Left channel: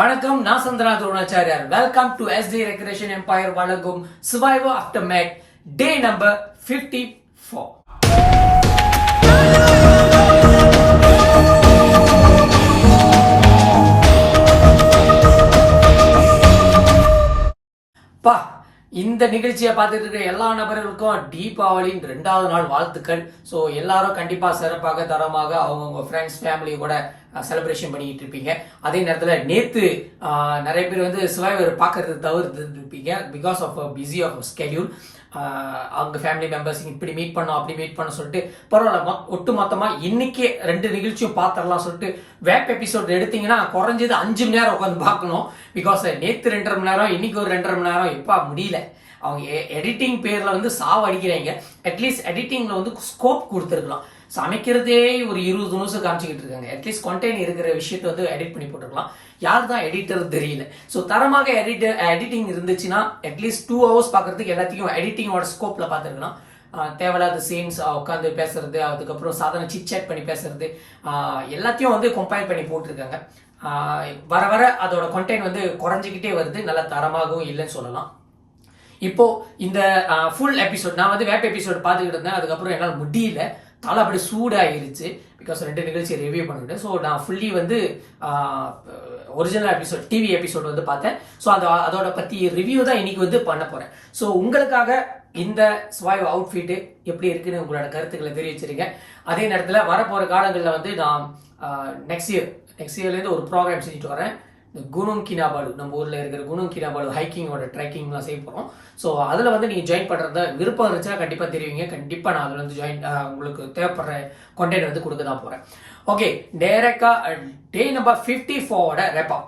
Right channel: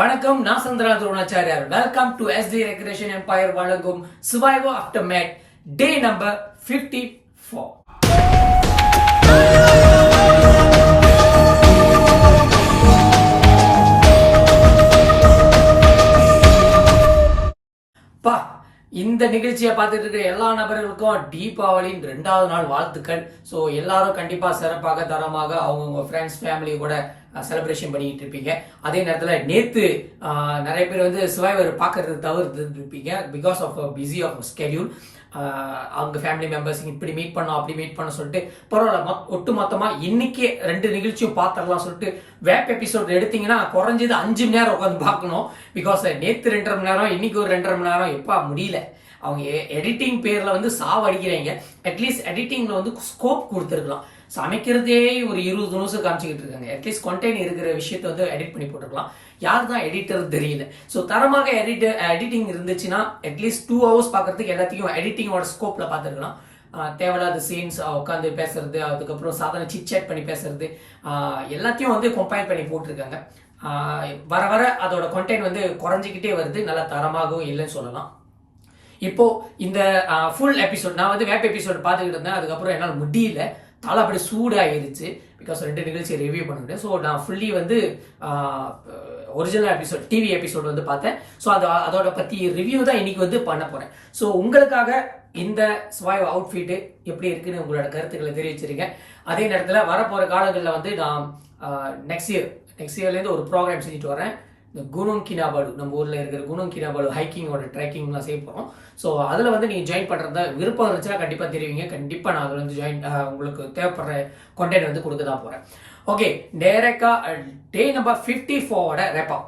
வணக்கம், நான் Chandra Dronacharya. Welcome to SD recreation empire வழங்கும் survivor after mad day number 54. பா, இந்த நிகழ்ச்சியை பார்த்துட்டு இருக்க எல்லா நபர்களுக்கும் தீபாவளியின் 2வது நாள் வாழ்த்துக்கள். ஸோ எல்லாரும் கண்டிப்பா சிறப்பாக தரமாக அவங்கவுங்க ஃப்ரெண்ட்ஸ் ஃபேமிலி கூட செலிப்ரேஷன் பண்ணிட்டு இருப்பீங்க. அதே நேரத்தில் நேத்து நிறைய பேர் வந்து சர்வைவர் பார்க்கறது தவிர்த்து இருப்பீங்க because of busy of schedule. அவங்க ஃபேமிலி மெம்பர்ஸ் இப்படி மீட் பண்ணோம் அப்படி மீட் பண்ண சொல்லிட்டு பரவாயில்ல, ஒட்டு மொத்தமாக இன்னைக்கே 2 நிகழ்ச்சியும் பார்த்துடலாம் சொல்லிட்டு வேப் எபிசோட் எடுத்தீங்கன்னா குறைஞ்சது 5 மணி நேரம் உட்காந்து பார்க்கணும். பிகாஸ் நேற்று 2.5 மணி நேரம், இன்னைக்கு ஒரு 2.5 மணி நேரம் எப்பா முடியல. அவங்க எடிட்டிங் பேர்ல வந்து சாவ அடிக்கிறாங்க. அட்லீஸ்ட் எடிட்டிங்ல வந்து ஸ்கோப் கொடுத்துருக்கலாம். சமைக்கிறதே ஒரு 20 நிமிஷம் காமிச்சிக்கிட்டு இருக்காங்க. அட்லீஸ்ட் கண்டென்ட் இருக்கிற விஷயத்தை வந்து எடிட் பண்ணி போட்டுருக்கலாம். யார் தான் எடிட்டர் தெரியல. ஸோ தரமாக எடிட்டிங் இருந்துச்சுன்னா அட்லீஸ்ட் 2 hours பார்க்கறதுக்கு எல்லாத்தையும் எடிட்டிங்கோட ஸ்கோப்ல பார்த்துருக்கலாம். தேவையில்லாத சீன்ஸ் உட்காந்து பேசுறது, அதுக்கப்புறம் சாதாரண சிட் சேட் பண்ணி பேசுறது, எல்லாத்தையும் வந்து கம்பைல் பண்ணி போட்டிருக்காங்க. வர வர அதோட கண்டென்ட் வந்து குறைஞ்சிக்கிட்டே வருது. நல்ல தரமாகவும் இல்லைன்னு சொல்லலாம். இப்போ இந்த ஃபுல் எபிசோட் நான் வந்து வேப் எபிசோட் பார்த்துக்கிட்டு இருந்தேன். அதுக்கப்புறம் என்னால் முடியல, தலை அப்படி சூடாயிருச்சு. பிகாஸ் 2 நிகழ்ச்சியை ரிவ்யூ பண்ணிவிட்டேன். ஸோ நான் ஃபுல்லி வந்து ஒரிஜினல் எபிசோட் டிவி எபிசோட் வந்து பார்த்தேன். ஸோ அதோட பற்றி ரிவ்யூ தான் இன்னைக்கு வந்து பண்ண போகிறேன். ஸோ உங்களுக்காக இந்த ஸ்வைவ் அவுட்ஃபிட்டு எப்படி இருக்குன்னு உங்களோட கருத்துக்களை தெரிவிச்சிருங்க. அதே நேரத்தில் வரப்போகிற காலங்களில் வந்து நான் நெக்ஸ்ட் இயர்லேருந்து ஒரு ப்ரோக்ராம் செஞ்சுட்டு வரேன். இந்த குனுங் கினாபாலு, நம்ம ஊரில் இருக்கிற குனுங் கினாபாலு ஹைக்கிங்கோட ட்ரெக்கிங்லாம் செய்ய போகிறோம். ஸோ அதில் வந்து நீங்கள் ஜாயின் பண்ணுறதா விருப்பம் இருந்துச்சா கண்டிப்பாக தெரிவிங்க. கண்டிப்பாக நான் அதில் வந்து உங்களுக்கு தேவைப்படுற கண்டென்ட் வந்து கொடுக்க தான் போகிறேன். ஓகே, டேரக்டாக டே நம்பர் 54 ரெப்பா.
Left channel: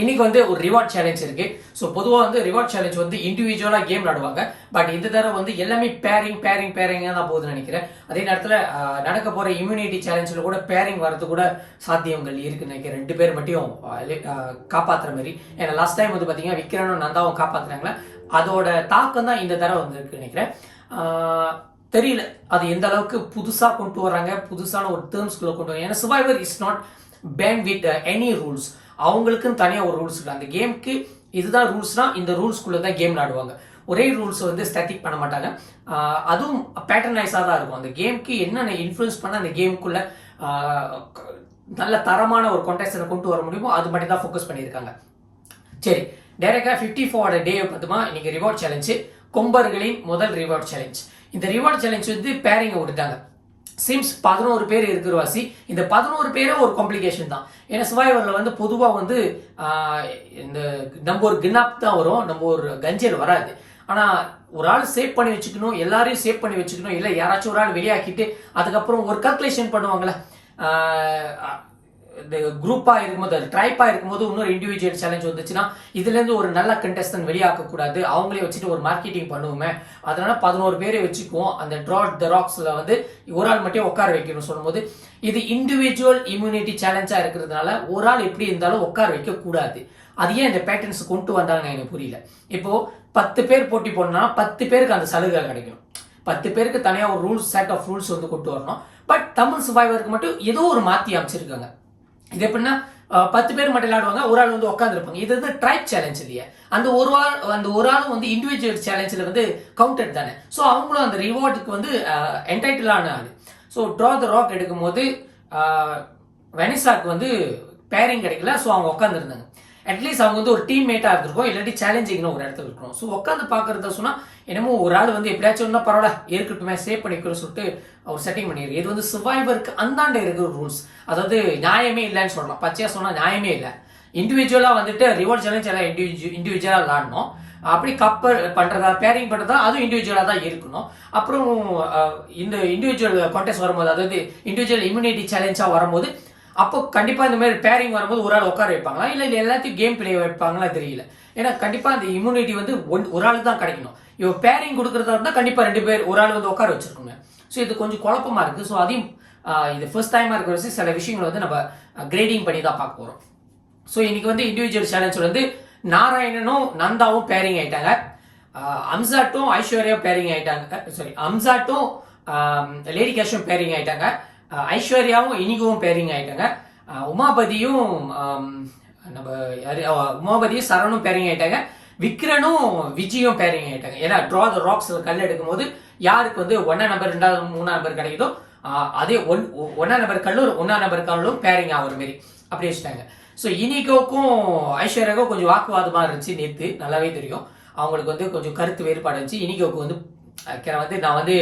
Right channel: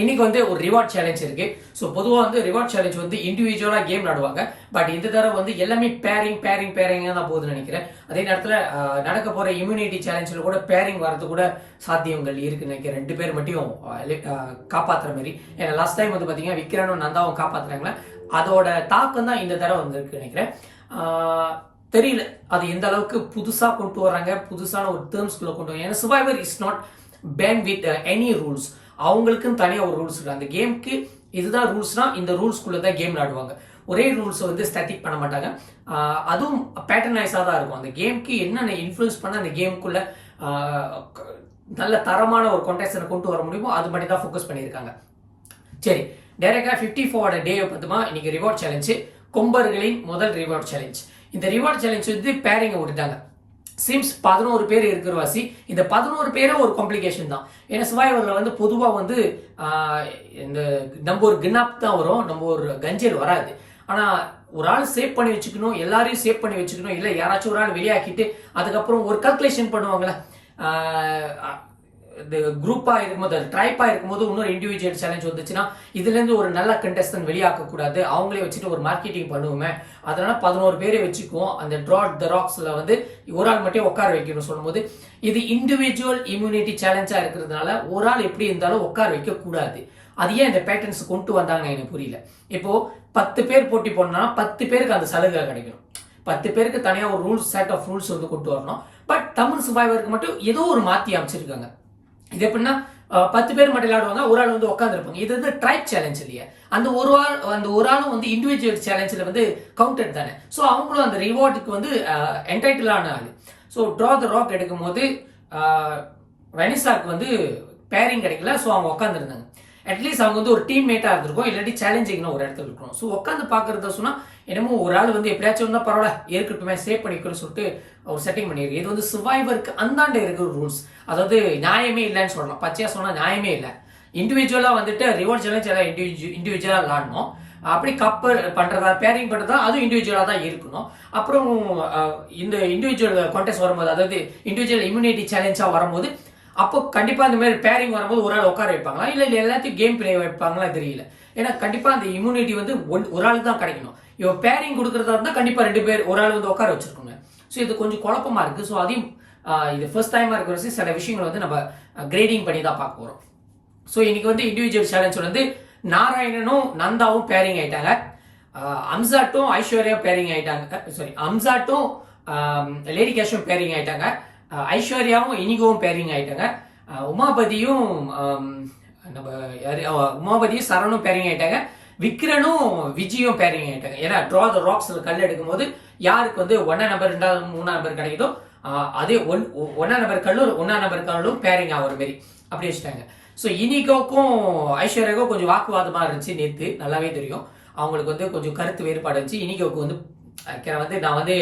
இன்னைக்கு வந்து ஒரு ரிவார்ட் சேலஞ்ச் இருக்கு. ஸோ பொதுவாக வந்து ரிவார்ட் சேலஞ்ச் வந்து இண்டிவிஜுவலா கேம் விளாடுவாங்க. பட் இந்த தடவை வந்து எல்லாமே பேரிங் தான் போகுதுன்னு நினைக்கிறேன். அதே நேரத்தில் நடக்க போற இம்யூனிட்டி சேலஞ்சில் கூட பேரிங் வரது கூட சாத்தியங்கள் இருக்குன்னு நினைக்கிறேன். 2 பேர் மட்டும் காப்பாற்றுற மாதிரி. ஏன்னா லாஸ்ட் டைம் வந்து பார்த்தீங்கன்னா விக்ரனும் நந்தாவும் காப்பாற்றுறாங்களே, அதோட தாக்கம் தான் இந்த தடவை வந்து இருக்கு நினைக்கிறேன். தெரியல அது எந்த அளவுக்கு புதுசா கொண்டு வராங்க, புதுசான ஒரு டேர்ம்ஸ்குள்ள கொண்டு வராங்க. ஏன்னா survivor is not ban with any rules. அவங்களுக்குன்னு தனியாக ஒரு ரூல்ஸ் இருக்கு. அந்த கேமுக்கு இதுதான் ரூல்ஸ்னா இந்த ரூல்ஸ்குள்ள தான் கேம் விளாடுவாங்க. ஒரே ரூல்ஸ் வந்து ஸ்டாட்டிக் பண்ண மாட்டாங்க. அதுவும் பேட்டர்னைஸாக தான் இருக்கும். அந்த கேமுக்கு என்னென்ன இன்ஃப்ளூயன்ஸ் பண்ண அந்த கேமுக்குள்ள நல்ல தரமான ஒரு கான்டெஸ்டை கொண்டு வர முடியுமோ அது மட்டும் தான் ஃபோக்கஸ் பண்ணியிருக்காங்க. சரி, டைரக்டாக 54 டே பார்த்துமா. இன்னைக்கு ரிவார்ட் சேலஞ்சு, கொம்பர்களின் முதல் ரிவார்ட் சேலஞ்ச். இந்த ரிவார்ட் சேலஞ்ச் வந்து பேரிங்கை விட்டுட்டாங்க. சிம்ஸ் 11 பேர் இருக்கிற வாசி. இந்த 11 பேரும் ஒரு காம்ப்ளிகேஷன் தான். ஏன்னா சர்வைவர்ல வந்து பொதுவாக வந்து இந்த நம்ம ஒரு கின்னாப் தான் வரும், நம்ம ஒரு கஞ்சல் வராது. ஆனால் ஒரு ஆள் சேவ் பண்ணி வச்சுக்கணும், எல்லாரையும் சேவ் பண்ணி வச்சுக்கணும். இல்லை யாராச்சும் ஒரு ஆள் வெளியாக்கிட்டு அதுக்கப்புறம் ஒரு கல்குலேஷன் பண்ணுவாங்களே, இந்த குரூப்பாக இருக்கும்போது ட்ரைப்பாக இருக்கும்போது இன்னொரு இண்டிவிஜுவல் சேலஞ்ச் வந்துச்சுன்னா இதுலேருந்து ஒரு நல்ல கண்டெஸ்டன்ட் வெளியாக்கக்கூடாது, அவங்களே வச்சுட்டு ஒரு மார்க்கெட்டிங் பண்ணுவோமே, அதனால 11 பேரை வச்சுக்குவோம். அந்த ட்ராட் த ராக்ஸில் வந்து ஒரு ஆள் மட்டும் உட்கார வைக்கணும் சொல்லும்போது இது இண்டிவிஜுவல் இம்யூனிட்டி சேலஞ்சாக இருக்கிறதுனால ஒரு ஆள் எப்படி இருந்தாலும் உட்கார வைக்கக்கூடாது. அது ஏன் இந்த பேட்டர்ன்ஸ் கொண்டு வந்தாங்கன்னு எனக்கு புரியல. இப்போ 10 பேர் போட்டி போடணும்னா 10 பேருக்கு அந்த சலுகை கிடைக்கணும். 10 பேருக்கு தனியாக ஒரு ரூல்ஸ் செட் ஆஃப் ரூல்ஸ் வந்து கொண்டு வரணும். பட் தமிழ் சர்வைவருக்கு மட்டும் ஏதோ ஒரு மாற்றி அமைச்சிருக்காங்க. இது எப்படின்னா 10 பேர் மட்டும் விளையாடுவாங்க, ஒரு ஆள் வந்து உட்காந்துருப்பாங்க. இது வந்து ட்ரைப் சேலஞ்ச் இல்லையா, அந்த ஒரு ஆளும் வந்து இண்டிவிஜுவல் சேலஞ்சில் வந்து கவுண்டட் தானே. ஸோ அவங்களும் அந்த ரிவார்டுக்கு வந்து என்டைட்டிலான ஆள். ஸோ ட்ரா த ராக் எடுக்கும் போது வெனிசாக்கு வந்து பேரிங் கிடைக்கல. ஸோ அவங்க உட்காந்துருந்தாங்க. அட்லீஸ்ட் அவங்க வந்து ஒரு டீம் மேட்டாக இருந்திருக்கும், இல்லாட்டி சேலஞ்சிங்னு ஒரு இடத்துல இருக்கணும். ஸோ உட்காந்து பார்க்கறத சொன்னால் என்னமோ ஒரு ஆள் வந்து எப்படியாச்சும் இருந்தால் பரவாயில்ல இருக்கட்டுமே சேவ் பண்ணிக்கணும்னு சொல்லிட்டு அவர் செட்டிங் பண்ணியிருக்கு. இது வந்து சர்வைவருக்கு அந்தாண்ட இருக்கிற ரூல்ஸ். அதாவது நியாயமே இல்லைன்னு சொல்லலாம். பச்சையாக சொன்னால் நியாயமே இல்லை. இண்டிவிஜுவலாக வந்துட்டு ரிவார்ட் சேலஞ்ச் எல்லாம் இண்டிவிஜுவலாக விளாடணும். அப்படி கப்பல் பண்ணுறதா பேரிங் பண்ணுறதா அதுவும் இண்டிவிஜுவலாக தான் இருக்கணும். அப்புறம் இந்த இண்டிவிஜுவல் கான்டெஸ்ட் வரும்போது, அதாவது இண்டிவிஜுவல் இம்யூனிட்டி சேலஞ்சாக வரும்போது அப்போ கண்டிப்பாக இந்த மாதிரி பேரிங் வரும்போது ஒரு ஆள் உட்கார வைப்பாங்களா, இல்லை எல்லாத்தையும் கேம் பிளே வைப்பாங்களா தெரியல. ஏன்னா கண்டிப்பாக அந்த இம்யூனிட்டி வந்து ஒரு ஆளுக்கு தான் கிடைக்கணும். இப்போ பேரிங் கொடுக்குறதா இருந்தால் கண்டிப்பாக 2 பேர் ஒரு ஆள் வந்து உட்கார வச்சிருக்கோங்க. ஸோ இது கொஞ்சம் குழப்பமா இருக்கு. ஸோ அதையும் இது ஃபர்ஸ்ட் டைமாக இருக்கிற வச்சு சில விஷயங்களை வந்து நம்ம கிரேடிங் பண்ணி தான் பார்க்க போகிறோம். ஸோ இன்னைக்கு வந்து இண்டிவிஜுவல் சேலஞ்ச் வந்து நாராயணனும் நந்தாவும் பேரிங் ஆயிட்டாங்க. அம்சாட்டும் ஐஸ்வர்யா பேரிங் ஆயிட்டாங்க. சாரி, அம்சாட்டும் லேடி கேஷும் பேரிங் ஆயிட்டாங்க. ஐஸ்வர்யாவும் இனிகவும் பேரிங் ஆயிட்டாங்க. உமாபதியும் நம்ம உமாபதியும் சரணும் பேரிங் ஆயிட்டாங்க, விக்ரனும் விஜயும் பேரிங் ஆயிட்டாங்க. ஏன்னா ட்ரா த ராக்ஸ்ல கல் எடுக்கும் போது யாருக்கு வந்து 1 நம்பர் 2வது 3 நம்பர் கிடைக்குதோ அதே 1 நம்பர் கல்லும் 1 நம்பர் கல்லும் பேரிங் ஆகிற மாதிரி அப்படி வச்சுட்டாங்க. ஸோ இனிகோக்கும் ஐஸ்வர்யாவுக்கும் கொஞ்சம் வாக்குவாதமா இருந்துச்சு நேற்று, நல்லாவே தெரியும். அவங்களுக்கு வந்து கொஞ்சம் கருத்து வேறுபாடு இருந்துச்சு. இனிகோவுக்கு வந்து நான் வந்து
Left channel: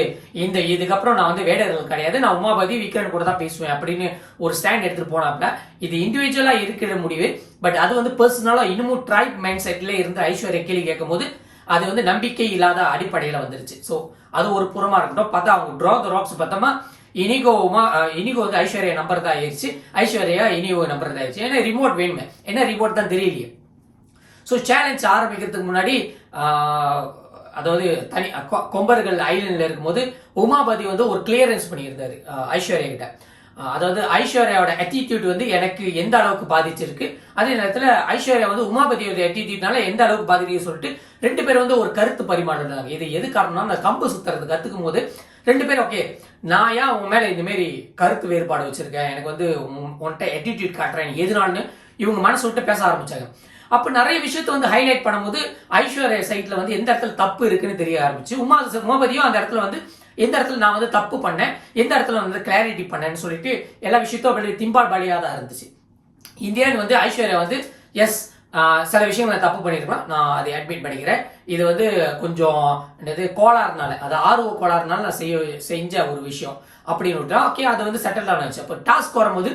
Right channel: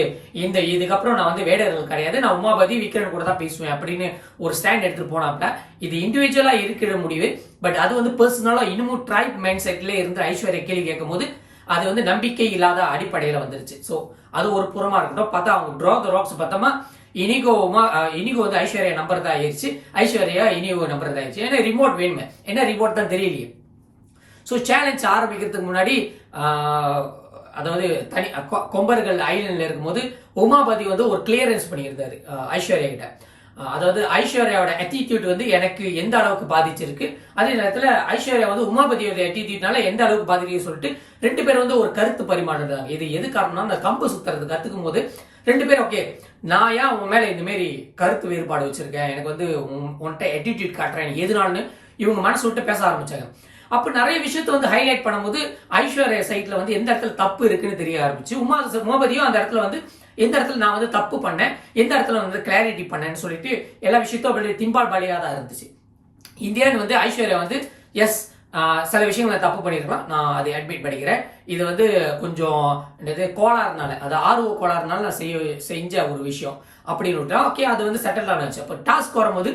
இதுக்கப்புறம் நான் வந்து வேடர்கள் கிடையாது, நான் உமாபதி விக்ரன் கூட தான் பேசுவேன் அப்படின்னு ஒரு ஸ்டாண்ட் எடுத்துட்டு போனாப்ல. இது இண்டிவிஜுவலா இருக்கிற முடிவு, பட் அது வந்து பர்சனலா இன்னமும் ட்ரைப் மைண்ட் செட்ல இருந்து ஐஸ்வர்யா கேள்வி கேட்கும் போது அது வந்து நம்பிக்கை இல்லாத அடிப்படையில வந்துருச்சு. ஸோ அது ஒரு புறமா இருக்கட்டும். பார்த்தா அவங்க ட்ரா த ராக்ஸ் பார்த்தோமா இனிகோ வந்து ஐஸ்வர்யா நம்பர் தான் ஆயிடுச்சு, ஐஸ்வர்யா இனிகோ நம்பர் தான் ஆயிடுச்சு. ஏன்னா ரிமோட் வேணுமே, என்ன ரிமோட் தான் தெரியலையே. ஸோ சேலஞ்ச் ஆரம்பிக்கிறதுக்கு முன்னாடி அதாவது தனி கொம்பர்கள் ஐலண்ட்ல இருக்கும்போது உமாபதி வந்து ஒரு கிளியரன்ஸ் பண்ணியிருந்தாரு ஐஸ்வர்யா கிட்ட. அதாவது ஐஸ்வர்யாவோட அட்டிடியூட் வந்து எனக்கு எந்த அளவுக்கு பாதிச்சிருக்கு, அதே நேரத்தில் ஐஸ்வர்யா வந்து உமாபதியோட அட்டிடியூட்னால எந்த அளவுக்கு பாதிக்கு சொல்லிட்டு 2 பேரும் வந்து ஒரு கருத்து பரிமாறுறாங்க. இது எது காரணம்னா அந்த கம்பு சுத்துறது கத்துக்கும் போது 2 பேரும் ஓகே நான் ஏன் உன் மேல இந்த மாதிரி கருத்து வேறுபாடு வச்சிருக்கேன், எனக்கு வந்து உன்கிட்ட அட்டிடியூட் காட்டுறேன் எதுனாலுன்னு இவங்க மனசு விட்டு பேச ஆரம்பிச்சாங்க. அப்ப நிறைய விஷயத்த வந்து ஹைலைட் பண்ணும்போது ஐஸ்வர்யா சைட்ல வந்து எந்த இடத்துல தப்பு இருக்குன்னு தெரிய ஆரம்பிச்சு. உமாபதியும் அந்த இடத்துல வந்து எந்த இடத்துல நான் வந்து தப்பு பண்ணேன், எந்த இடத்துல வந்து கிளாரிட்டி பண்ணேன்னு சொல்லிட்டு எல்லா விஷயத்தும் அப்படி திம்பால் பாலியா தான் இருந்துச்சு. இந்தியன் வந்து ஐஸ்வர்யா வந்து எஸ் சில விஷயங்களை தப்பு பண்ணிருக்கலாம், நான் அதை அட்மிட் பண்ணிக்கிறேன், இது வந்து கொஞ்சம் கோளாறுனால, அது ஆர்வ கோளாறுனால நான் செஞ்ச ஒரு விஷயம் அப்படின்னு விட்டா ஓகே அது வந்து செட்டில் ஆனச்சு. அப்போ டாஸ்க் வரும்போது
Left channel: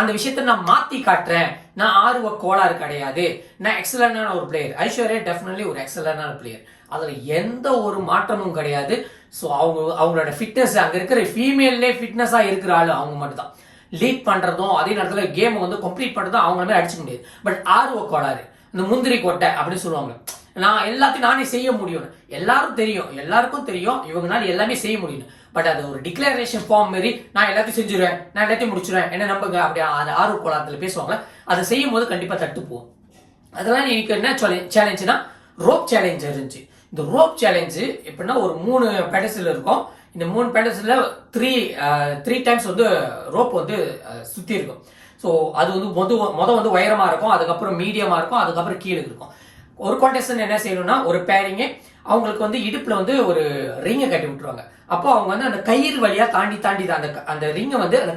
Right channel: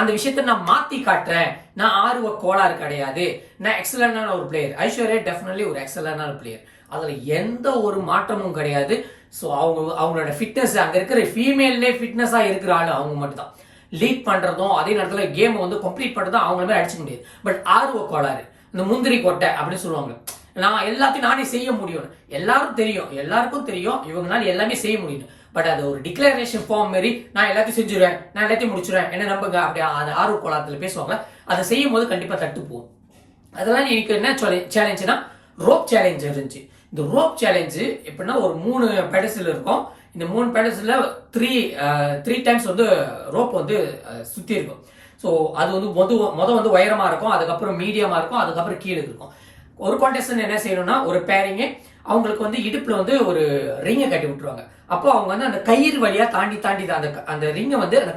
அந்த விஷயத்த நான் மாத்தி காட்டுறேன், நான் ஆர்வ கோளாறு கிடையாது, நான் எக்ஸலண்டான ஒரு பிளேயர். ஐஸ்வர்யா டெஃபினெட்லி ஒரு எக்ஸலண்டான பிளேயர், அதுல எந்த ஒரு மாற்றமும் கிடையாது. ஸோ அவங்களோட ஃபிட்னஸ் அங்க இருக்கிற ஃபீமேல்லே ஃபிட்னஸா இருக்கிற ஆளு அவங்க மட்டும் தான். லீட் பண்றதும் அதே நேரத்தில் கேம் வந்து கம்ப்ளீட் பண்றதும் அவங்கள மாதிரி அடிச்சுக்க முடியாது. பட் ஆர்வ கோளாறு, இந்த முந்திரி கொட்டை அப்படின்னு சொல்லுவாங்க, நான் எல்லாத்தையும் நானே செய்ய முடியும், எல்லாருக்கும் தெரியும் இவங்கனால எல்லாமே செய்ய முடியும். பட் அது ஒரு டிக்ளரேஷன் ஃபார்ம் மாதிரி நான் எல்லாத்தையும் செஞ்சிருவேன், நான் எல்லாத்தையும் முடிச்சிருவேன், என்ன நம்புங்க அப்படி அந்த ஆர்வ கோளாறுல பேசுவாங்க. அதை செய்யும் போது கண்டிப்பா தட்டு போகும். அதெல்லாம் எனக்கு என்ன சேலஞ்சுனா ரோப் சேலஞ்ச் இருந்துச்சு. இந்த ரோப் சேலஞ்சு எப்படின்னா ஒரு 3 பெடசில் இருக்கும். இந்த 3 பெடசில் 3 டைம்ஸ் வந்து ரோப் வந்து சுத்தி இருக்கும். ஸோ அது வந்து மொதல் வந்து உயரமா இருக்கும், அதுக்கப்புறம் மீடியமா இருக்கும், அதுக்கப்புறம் கீழே இருக்கும். ஒரு கான்டெஸ்டன்ட் என்ன செய்யணும்னா ஒரு பேரிங்கே அவங்களுக்கு வந்து இடுப்புல வந்து ஒரு ரிங்கை கட்டி விட்டுருவாங்க. அப்போ அவங்க வந்து அந்த கயிறு வழியா தாண்டி அந்த ரிங்கை வந்து அந்த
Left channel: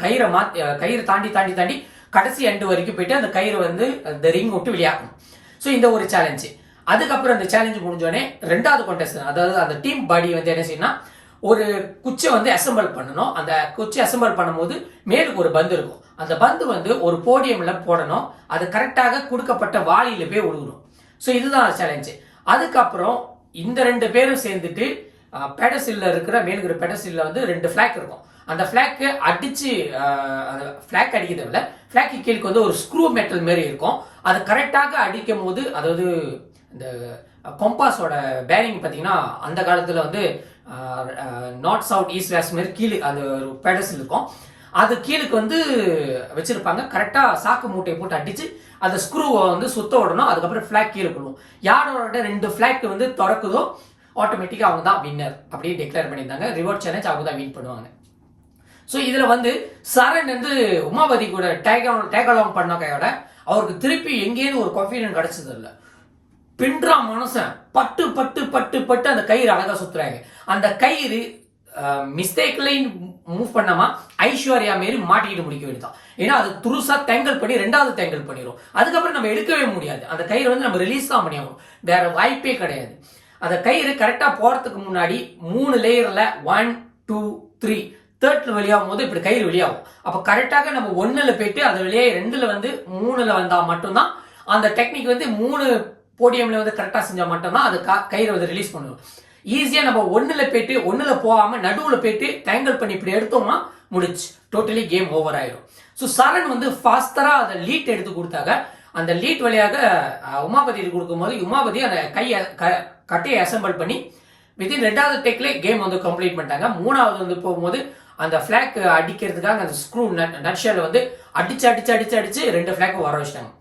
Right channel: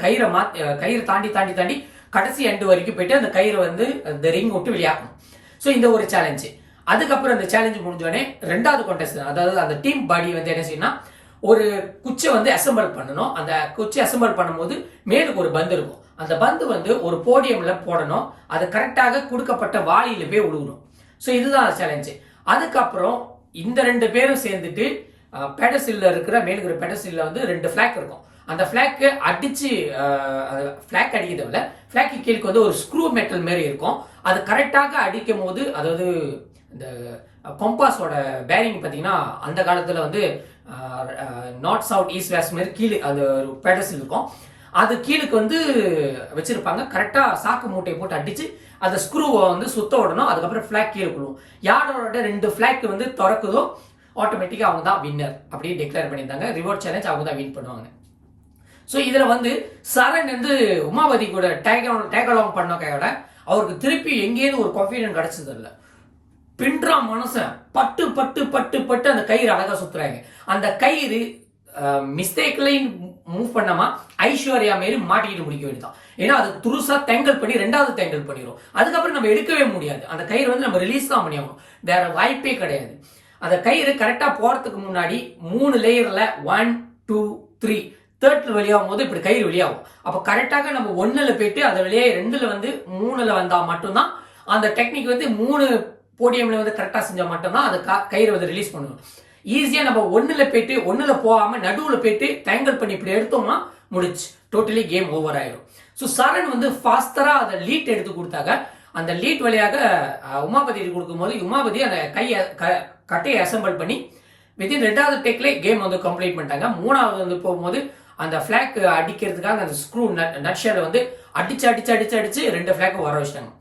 கயிறு தாண்டி கடைசி எண்டு வரைக்கும் போயிட்டு அந்த கயிறு வந்து அந்த ரிங் விட்டு வெளியாகணும். ஸோ இந்த ஒரு சேலஞ்சு. அதுக்கப்புறம் அந்த சேலஞ்சு முடிஞ்சோடனே 2வது கான்டெஸ்ட் அதாவது அந்த டீம் பாடி வந்து என்ன செய்யணும், ஒரு குச்சை வந்து அசம்பிள் பண்ணணும். அந்த குச்சை அசம்பிள் பண்ணும்போது மேலுக்கு ஒரு பந்து இருக்கும், அந்த பந்து வந்து ஒரு போடியம்ல போடணும், அது கரெக்டாக கொடுக்கப்பட்ட வாளியில போய் விழுகணும். ஸோ இதுதான் சேலஞ்சு. அதுக்கப்புறம் இந்த 2 பேரும் சேர்ந்துட்டு பெடசில்ல இருக்கிற மேலுக்கு பெடசில்ல வந்து 2 ஃபிளாக் இருக்கும். அந்த ஃபிளாக்கு அடிச்சு ஃபிளாக் அடிக்கிறது இல்லை, ஃபிளாக்கு கீழுக்கு வந்து ஒரு ஸ்க்ரூ மெட்டல் மாரி இருக்கும். அது கரெக்டாக அடிக்கும் போது அதாவது இந்த கொம்பாஸோட பேரிங் பார்த்தீங்கன்னா அந்த காலத்தில் வந்து நார்த் சவுத் ஈஸ்ட் வெஸ்ட் மாரி கீழே அந்த பெடசில் இருக்கும், அது கீழுக்கு வந்து வச்சிருப்பாங்க. கரெக்டாக சாக்கு மூட்டையை போட்டு அடிச்சு அந்த ஸ்க்ரூவை வந்து சுத்த விடணும். அதுக்கப்புறம் ஃபிளாக் கீழே விழுவும். யாரோட 2 ஃபிளாக் வந்து திறக்குதோ ஆட்டோமேட்டிக்காக அவங்க தான் வின்னர் அப்படின்னு டிக்ளேர் பண்ணியிருந்தாங்க. ரிவார்ட் சேலஞ்ச் அவங்க தான் வின் பண்ணுவாங்க. ஸோ இதில் வந்து சரண் வந்து உமாபதி கூட டேக் அலாங் பண்ண கையோட அவருக்கு திருப்பி எங்கேயும் ஒரு கான்ஃபிடன்ஸ் கிடைச்சது இல்லை. பின்றா மனுஷன் பட்டு பட்டு பட்டு பட்டு அந்த கயிறு அழகா சுத்துறாங்க. அந்த கயிறு மிஸ்டேக்லையும் மூவ் பண்ணாம ஐஸ்வர்யா மாரி மாட்டிக்கிட்டு முடிக்க வேண்டியதான். ஏன்னா அது துருசா தேங்கல் பண்ணி 2வது தேங்கல் பண்ணிடும். அதுக்கப்புறம் நம்ம எடுக்கவே முடியாது, அந்த கயிறு வந்து நம்ம ரிலீஸ் தான் பண்ணி ஆகணும், வேற வாய்ப்பே கிடையாது. அந்த கயிறு கரெக்டா போறதுக்கு முன்னாடி 3 லேயர்ல 1 2 3 3rd வெளியாகும் போது இப்படி கயிறு வெளியாகும். அப்ப கரெக்டாக நம்ம 1ல போயிட்டு அதை வெளியே 2ல வந்து 3ல வந்தா மட்டும்தான் அந்த டெக்னிக் வந்து 3 போடியம்ல வந்து கரெக்டா செஞ்சா மட்டும்தான் அது கயிறு வந்து ரிலீஸ் பண்ணுவோம். ஈஸியா நம்ம 1ல போயிட்டு 1ல போகாம நடுவுல போயிட்டு டேங்கிள் பண்ணி இப்படி எடுத்தோம்னா முடிச்சு டோட்டலி கேம் ஓவர் ஆயிடும். ஸோ சரண் வந்து ஃபாஸ்டரா அதை லீட் எடுத்து கொடுத்தாங்க. அந்த லீட் வழியாக உமாபதி கொடுக்கும் போது உமாபதி அந்த கட்டையை அசம்பிள் பண்ணி வித்தின் 2வது டேக்ல கேம் வந்து கம்ப்ளீட் பண்ணிட்டாங்க. 3வது வந்து போகும்போது அந்த ஃபிளாக் அடிக்கிறதுக்காக அந்த ஸ்க்ரூ நட்ஷேல வந்து அடிச்சு 2 ஃபிளாக் வர வச்சிட்டாங்க.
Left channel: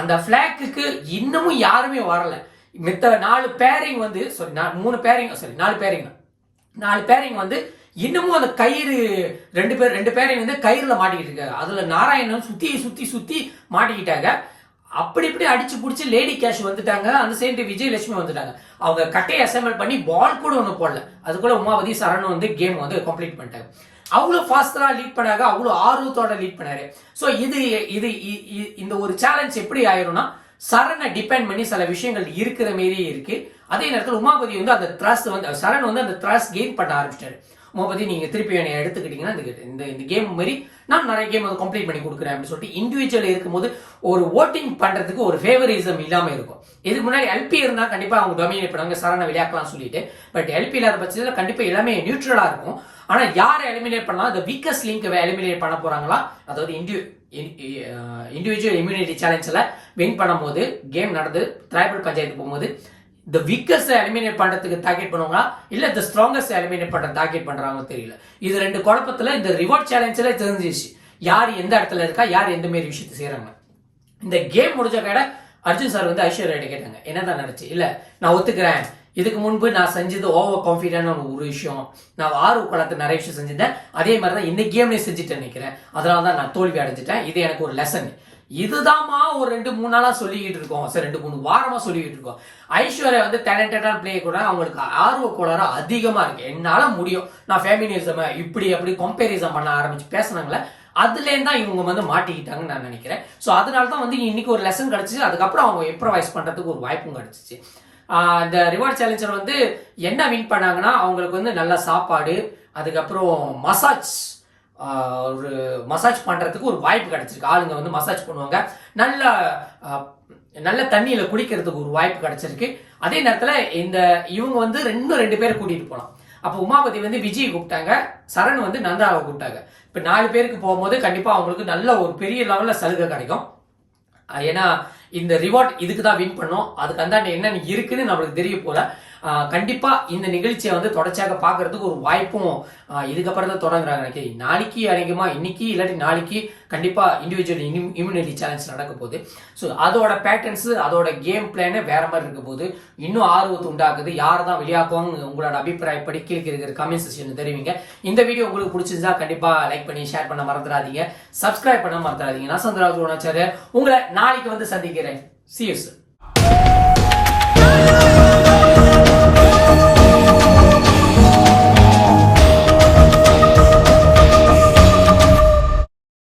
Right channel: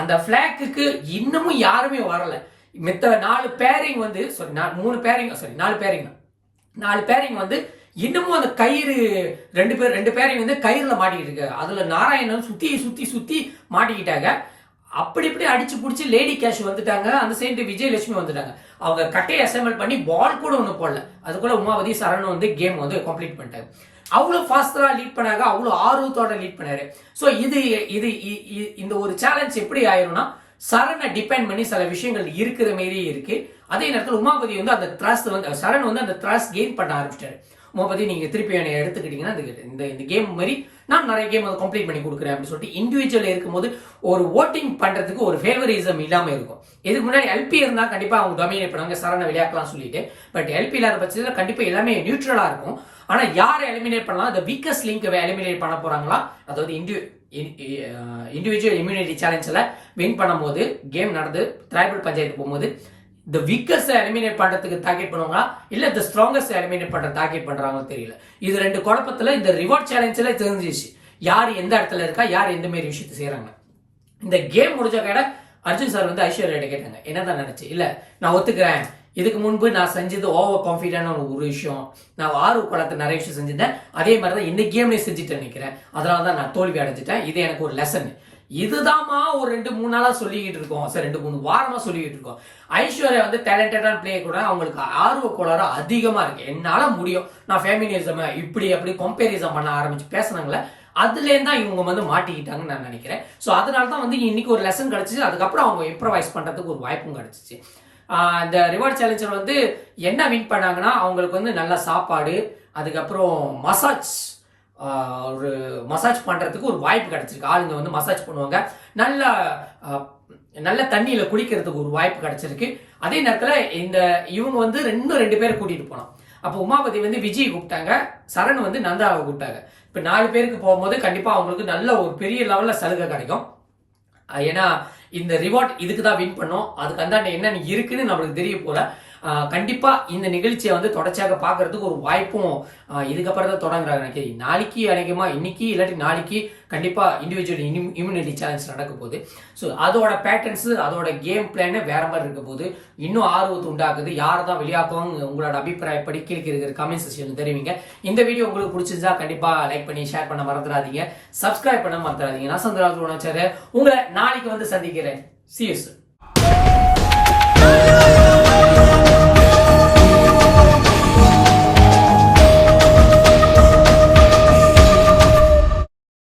அந்த ஃபிளாக்கு இன்னமும் யாருமே வரல. மித்த 4 பேரிங் வந்து 3 பேரிங் 4 பேரிங் வந்து இன்னமும் அந்த கயிறு 2 பேரிங் வந்து கயிறுல மாட்டிக்கிட்டு இருக்காங்க. அதுல நாராயணன் சுத்தி மாட்டிக்கிட்டாங்க. அப்படி இப்படி அடிச்சு பிடிச்சி லேடி கேஷ் வந்துட்டாங்க. அந்த சைடு விஜயலட்சுமி வந்துட்டாங்க. அவங்க கட்டையை அசம்பிள் பண்ணி பால் கூட ஒன்று போடல. அதுக்குள்ள உமாபதி சரண் வந்து கேம் வந்து கம்ப்ளீட் பண்ணிட்டாங்க. அவ்வளோ ஃபாஸ்டா லீட் பண்ணாங்க, அவ்வளோ ஆர்வத்தோட லீட் பண்ணாரு. ஸோ இந்த ஒரு சேலஞ்ச் எப்படி ஆயிரும்னா சரணை டிபெண்ட் பண்ணி சில விஷயங்கள் இருக்கிற மாரியே இருக்கு. அதே நேரத்தில் உமாபதி வந்து அந்த த்ரஸ்ட் வந்து சரண் வந்து அந்த த்ரஸ்ட் கெயின் பண்ண ஆரம்பிச்சிட்டாரு. உமாபதி நீங்க திருப்பி என்னை எடுத்துக்கிட்டீங்கன்னா இந்த கேம் மாதிரி நான் நிறைய கேம் வந்து கம்ப்ளீட் பண்ணி கொடுக்குறேன் அப்படின்னு சொல்லிட்டு இண்டிவிஜுவல் இருக்கும்போது ஒரு ஓட்டிங் பண்றதுக்கு ஒரு ஃபேவரிசம் இல்லாம இருக்கும். இதுக்கு முன்னாடி எல்பி இருந்தா கண்டிப்பா அவங்க டொமினேட் பண்ணுவாங்க, சரணை விளையாடலாம் சொல்லிட்டு. பட் எல்பி இல்லாத பட்சத்தில் கண்டிப்பா எல்லாமே நியூட்ரலா இருக்கும். ஆனா யாரை எலிமினேட் பண்ணலாம், இந்த வீக்கஸ்ட் லிங்க் எலிமினேட் பண்ண போறாங்களா, அதாவது இண்டிவிஜுவல் இம்யூனிட்டி சேலஞ்சில் வின் பண்ணும்போது கேம் நடந்து ட்ரைபல் பஞ்சாயத்து போகும்போது இந்த வீக்கஸ்ட் எலிமினேட் பண்றதுக்கு டார்கெட் பண்ணுவாங்களா இல்ல இந்த ஸ்ட்ராங்கஸ்ட் எலிமினேட் பண்ற டார்கெட் பண்றாங்க தெரியல. இது ரெண்டு குழப்பத்துல இந்த ரிவார்ட் சேலஞ்சில் தெரிஞ்சிச்சு யார் எந்த இடத்துல இருக்கா, யார் எந்த மாதிரி விஷயத்தை செய்யறாங்க. இந்த கேம் முடிஞ்ச கடை அர்ஜுன் சார் வந்து ஐஸ்வர்யா கேட்டாங்க என்னதான் நினைச்சு. இல்ல நான் ஒத்துக்கிறேன், இதுக்கு முன்பு நான் செஞ்சது ஓவர் கான்ஃபிடென்ட் ஒரு விஷயம், நான் குளத்து நிறைய விஷயம் செஞ்சிருந்தேன், அதே மாதிரி தான் இந்த கேம்லேயும் செஞ்சுட்டு நினைக்கிறேன், அதனால தான் நான் தோல்வி அடைஞ்சிட்டேன், இது எனக்கு ஒரு லெசன். இதுதான்மா ஒரு 2-3 நாளா சொல்லிக்கிட்டு இருக்கோம் சார், 2-3 வாரமா சொல்லிக்கிட்டு இருக்கோம். ஐஸ்வர்யா வந்து டேலண்டடான பிளே கூட அவங்களுக்கு ஆர்வ கோளாறு அதிகமா இருக்கு. என்னால முடியும், நான் ஃபெமினிசம் இப்படி அப்படி கம்பேரிசம் பண்ண ஆரம்பிச்சு பேசினாங்களே, அதுலேருந்து தான் இவங்க வந்து மாட்டிக்கிட்டாங்கன்னு நான் நினைக்கிறேன். ஸோ அதனால தான் வந்து இன்னைக்கு ஒரு லெசன் கிடைச்சிச்சு. அதுக்கப்புறம் அவங்க இம்ப்ரவைஸ் பண்றதுக்கு ஒரு வாய்ப்பும் கிடைச்சிச்சு. இந்த ரிவார்ட் சேலஞ்சர் வந்து என்ன வின் பண்ணாங்கன்னா அவங்களுக்கு வந்து நல்ல சாப்பாடு, அதுக்கப்புறம் ஒரு மசாஜ் பண்றதுக்கு ஒரு வாய்ப்பு கிடைச்சிருக்கு. ஆளுங்க வந்து மசாஜ் பண்ணுவாங்க, நல்ல தண்ணியில குடிக்கிறதுக்கு ஒரு வாய்ப்பு கிடைச்சிருக்கு. அதே நேரத்தில் இவங்க வந்து 2 பேரை கூட்டிட்டு போலாம். அப்போ உமாபதி வந்து விஜய் கூப்பிட்டாங்க, சரண் வந்து நந்தாவை கூப்பிட்டாங்க. இப்ப 4 பேருக்கு போகும்போது கண்டிப்பா அவங்களுக்கு நல்ல ஒரு பெரிய லெவல்ல சலுகை கிடைக்கும். ஏன்னா இந்த ரிவார்ட் இதுக்கு தான் வின் பண்ணோம், அதுக்கு அந்தாண்ட என்னன்னு இருக்குன்னு நம்மளுக்கு தெரிய போல. கண்டிப்பா இந்த நிகழ்ச்சியை வந்து தொடர்ச்சியாக பார்க்கறதுக்கு ஒரு வாய்ப்பும் இதுக்கப்புறம் தான் தொடங்குறாங்க. நாளைக்கு அதிகமா இன்னைக்கு இல்லாட்டி நாளைக்கு கண்டிப்பா இண்டிவிஜுவல் இம்யூனிட்டி சேலஞ்ச் நடக்க போகுது. ஸோ அதோட பேட்டர்ன்ஸ் அதோட கேம் பிளான் வேற மாதிரி இருக்க போது இன்னும் ஆர்வத்தை உண்டாக்குது. யார் தான் வெளியாக்குவாங்க உங்களோட அபிப்பிராயப்படி கீழே இருக்கிற கமெண்ட் செக்ஷன் தெரிவிங்க. இந்த வீடியோ உங்களுக்கு பிடிச்சிருந்தா கண்டிப்பா லைக் பண்ணி ஷேர் பண்ண மறந்துடாதீங்க, சப்ஸ்கிரைப் பண்ண மறந்துடாதீங்க. நான் சந்திராஜ் உங்களை நாளைக்கு வந்து சந்திக்கிறேன். See you soon.